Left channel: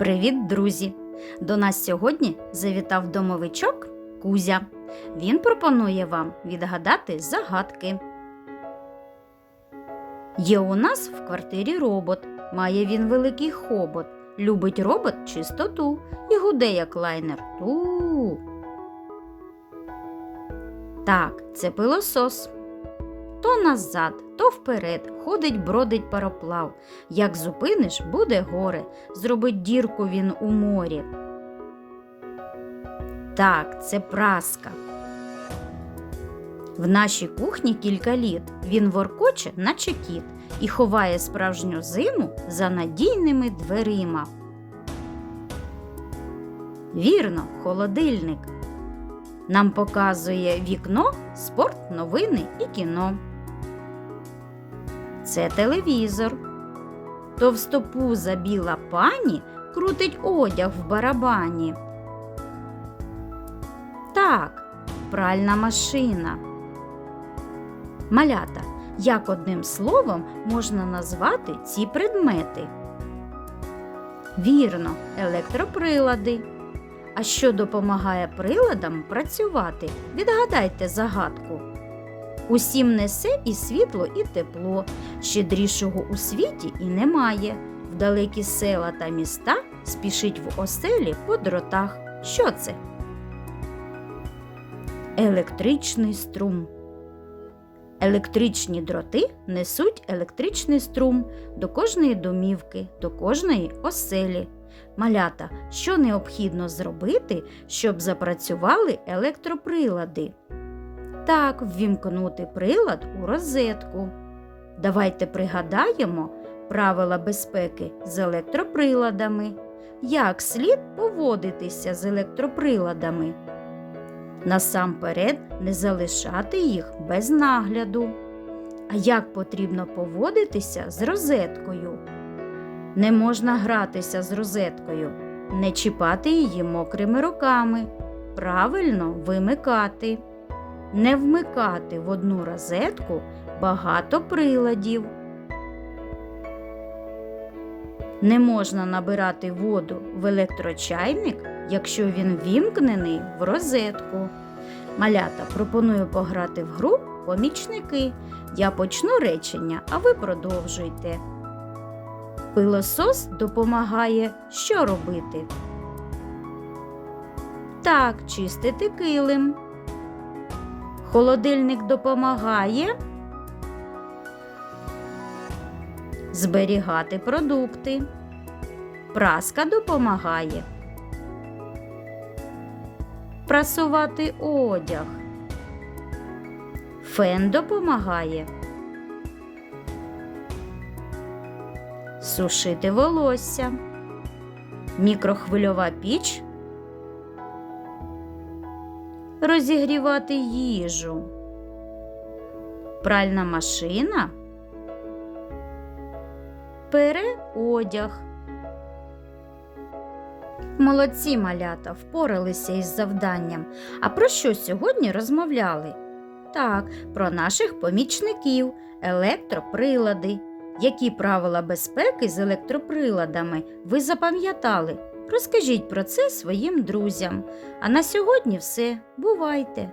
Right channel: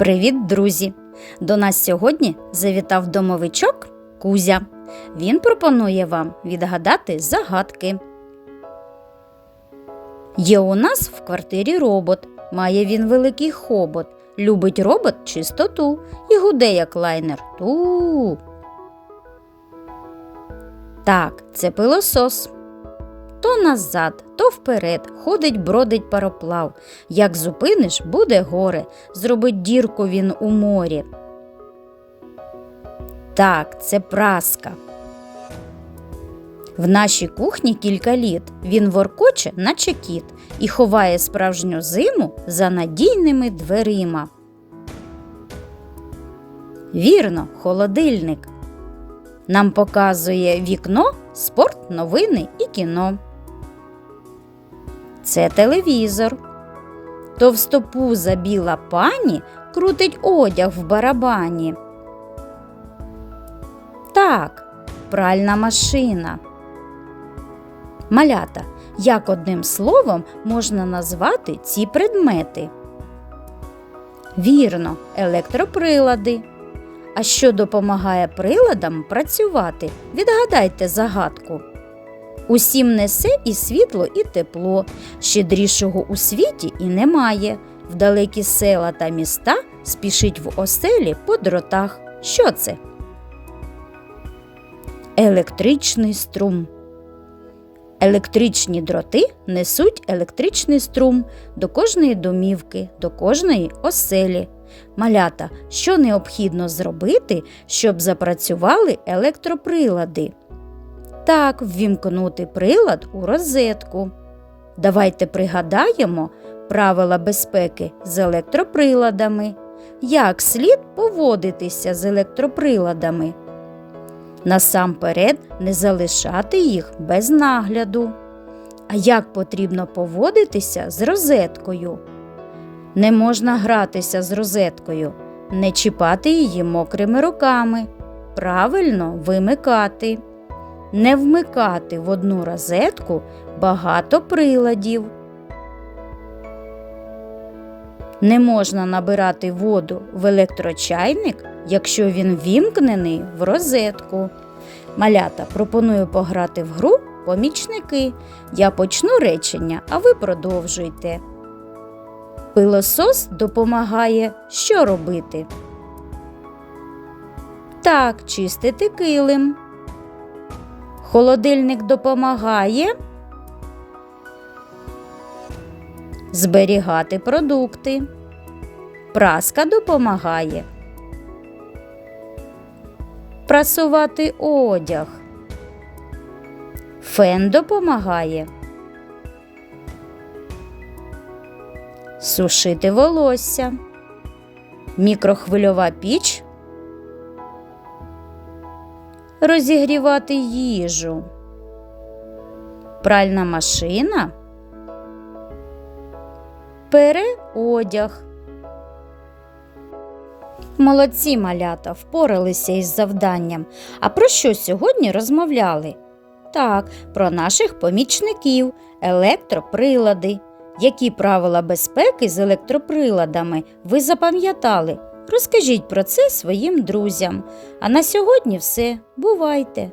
Привіт, друзі! До нас сьогодні завітав домовичок Кузя. Він пропонує вам відгадати загадки. Є у нас в квартирі робот. Має він великий хобот. Любить робот чистоту і гуде, як лайнер. Ту. Так, це пилосос. То назад, то вперед, ходить, бродить пароплав. Як зупиниш, буде горе, зробить дірку він у морі. Так, це праска. В нашій кухні кілька літ. Він воркоче, наче кіт, і ховає справжню зиму за надійними дверима. Вірно, холодильник. Нам показує вікно, спорт, новини і кіно. Це телевізор. Товстопуза біла пані крутить одяг в барабані. Так, пральна машина. Малята. Як одним словом можна назвати ці предмети? Вірно, електроприлади. А що допомагає приладам працювати? Відгадайте загадку. Усім несе і світло, і тепло. Щедрішого у світі і немає. В далекі села та міста спішить в оселі по дротах. Що це? Електричний струм. Електричні дроти несуть електричний струм до кожної домівки, до кожної оселі. Малята, що необхідно зробити, щоб запрацювали електроприлади? Так, ввімкнути прилад у розетку. Давайте пригадаємо правила безпеки з електроприладами. Як слід поводитися з електроприладами? Насамперед не залишати їх без нагляду. А як потрібно поводитися з розеткою? Не можна гратися з розеткою, не чіпати її мокрими руками, правильно вимикати, не вмикати в одну розетку багато приладів. Не можна набирати воду в електрочайник, якщо він вімкнений в розетку. Малята пропоную пограти в гру помічники. Я почну речення, а ви продовжуйте. Пилосос допомагає що робити? Так, чистити килим. Холодильник допомагає зберігати продукти. Праска допомагає прасувати одяг. Фен допомагає сушити волосся. Мікрохвильова піч розігрівати їжу. Пральна машина пере одяг. Молодці малята впоралися із завданням. А про що сьогодні розмовляли? Так, про наших помічників, електроприлади. Які правила безпеки з електроприладами ви запам'ятали? Розкажіть про це своїм друзям. А на сьогодні все. Бувайте!